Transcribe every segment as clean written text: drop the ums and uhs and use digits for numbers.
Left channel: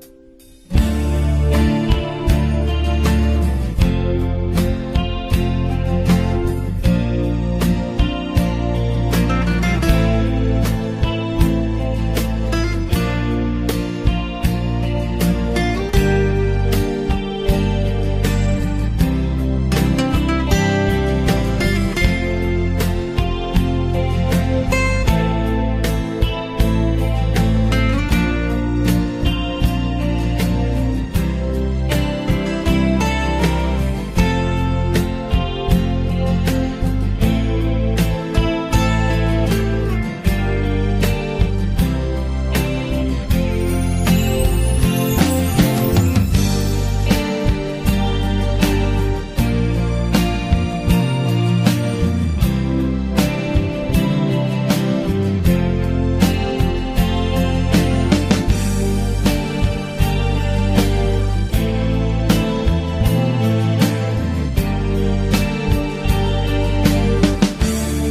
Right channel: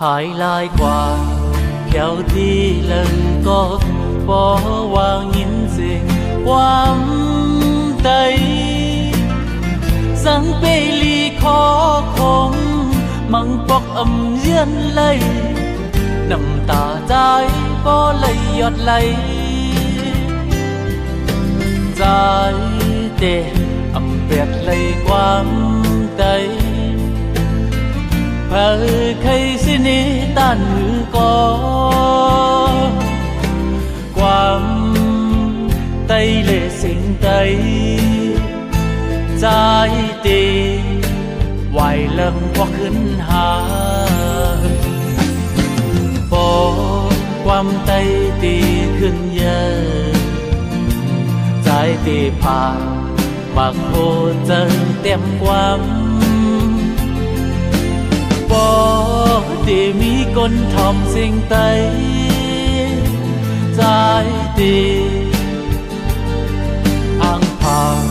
Hải lai qua kéo thi lần có bỏ qua nhìn về quang tây sáng bê ly khó không măng bọc âm yên lây nằm tà dài có lây giọt lây dài để ẩm vẹt lây quang tây và khay xin đi tan ngư có quang tây lệ sinh tây dài để hoài lâm hoặc khấn hà bỏ quang tây để khấn nhớ dài để phà bạc hồ dân tem quang con thòm sinh tây trái tim ang phàng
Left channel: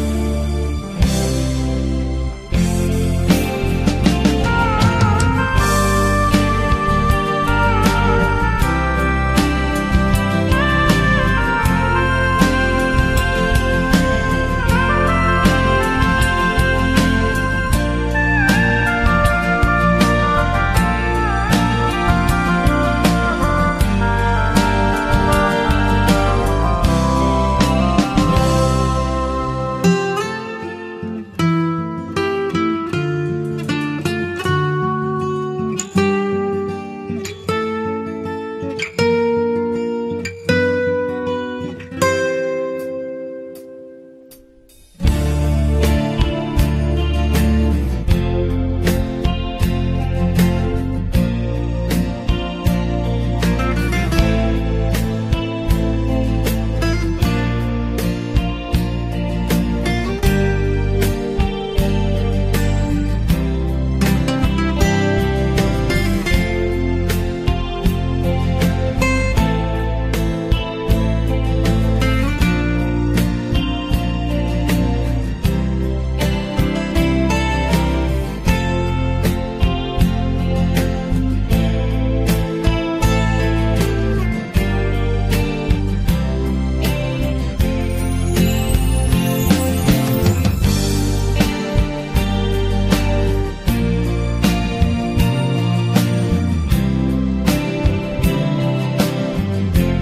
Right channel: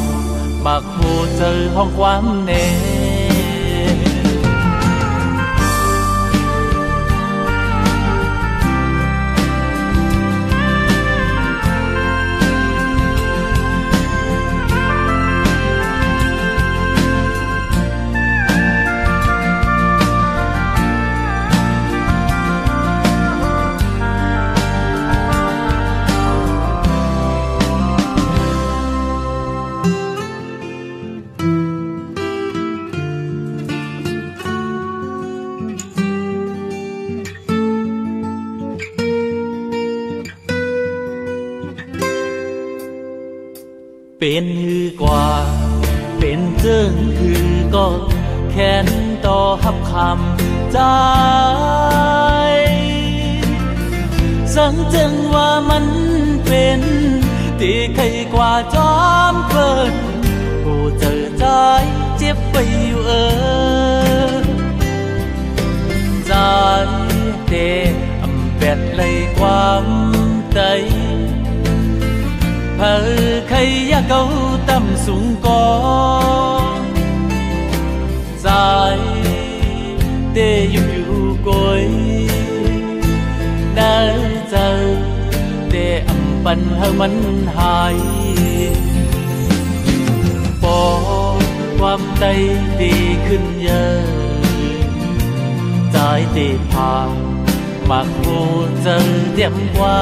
bạc hồ trời hoang quang nèเป็นหือกว่าเป็นเรื่องคือก็แค้นต่อหับคำใจสังจังว่ามันเป็นตีใครกว่าจอมเพลินโอ้เจอใจเจ็บไปอยู่ใจเตะอำแปดเลยความใจเพอใครcâu tâm súng có dài để yêu cối đã giờ để âm bần hơn mắn hài bỏ quam tây đi khinh nhớ dài để phàm mà cô dân đẹp qua